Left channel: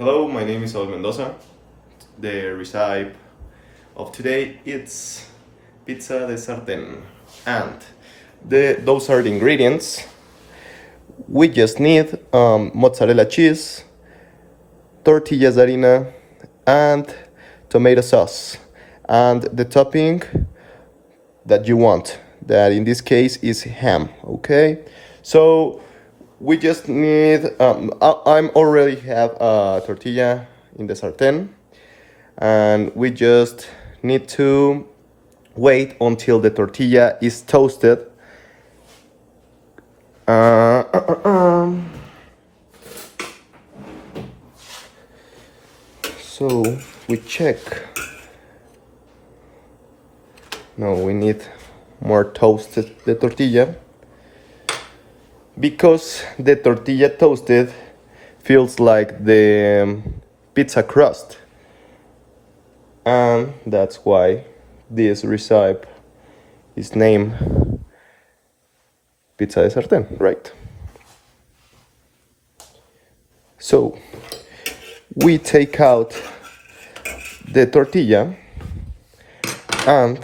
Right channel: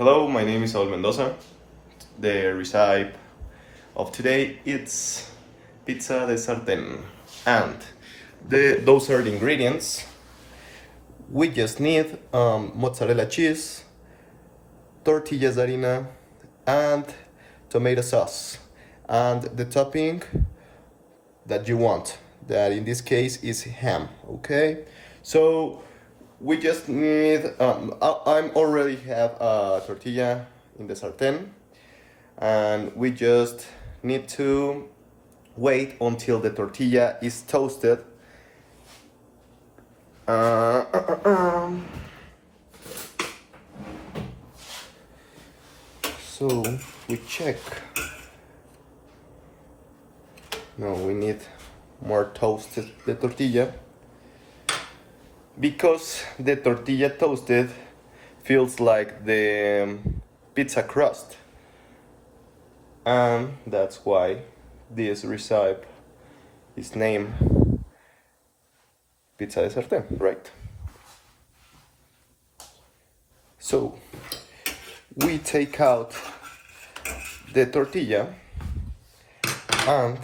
Hello, my name is Saul Mendoza. The recipe of today it's pizza de Sarten, and those are the ingredients. We just need mozzarella cheese, tortillas de harina, and tomato sauce, and the topping that you want. That in this case is ham. Okay, so we just need. I'm already have a tortilla in the sartén, and we just need to wait until the tortilla is toasted. So we check. No, we need more toasted the tortilla, because the tortilla toasted feels like the pizza crust, and that's why this recipe is named pizza de sartén, right? So we take out the tortilla and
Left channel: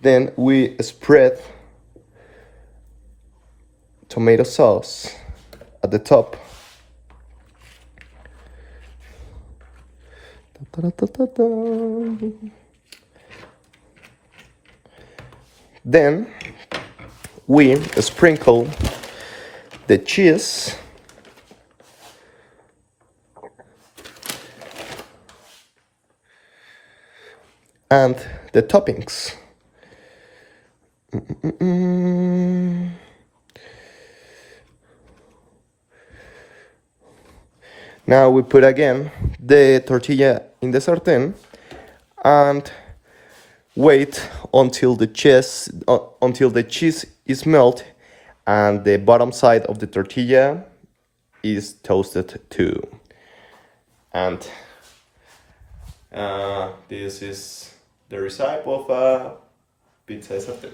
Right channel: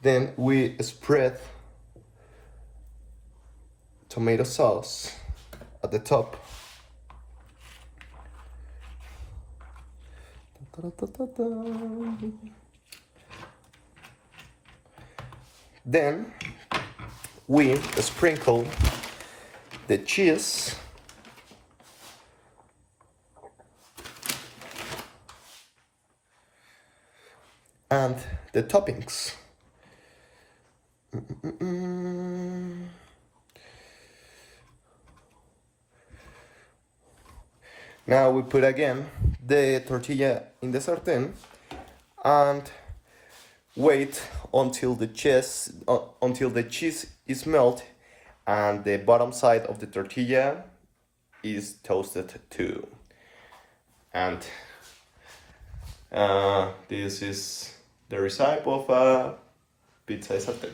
then we spread tomato sauce at the top. Then we sprinkle the cheese and the toppings. Now we put again the tortilla in the sartén and wait until the cheese is melted and the bottom side of the tortilla is toasted too. And this is the recipe of pizza de sartén.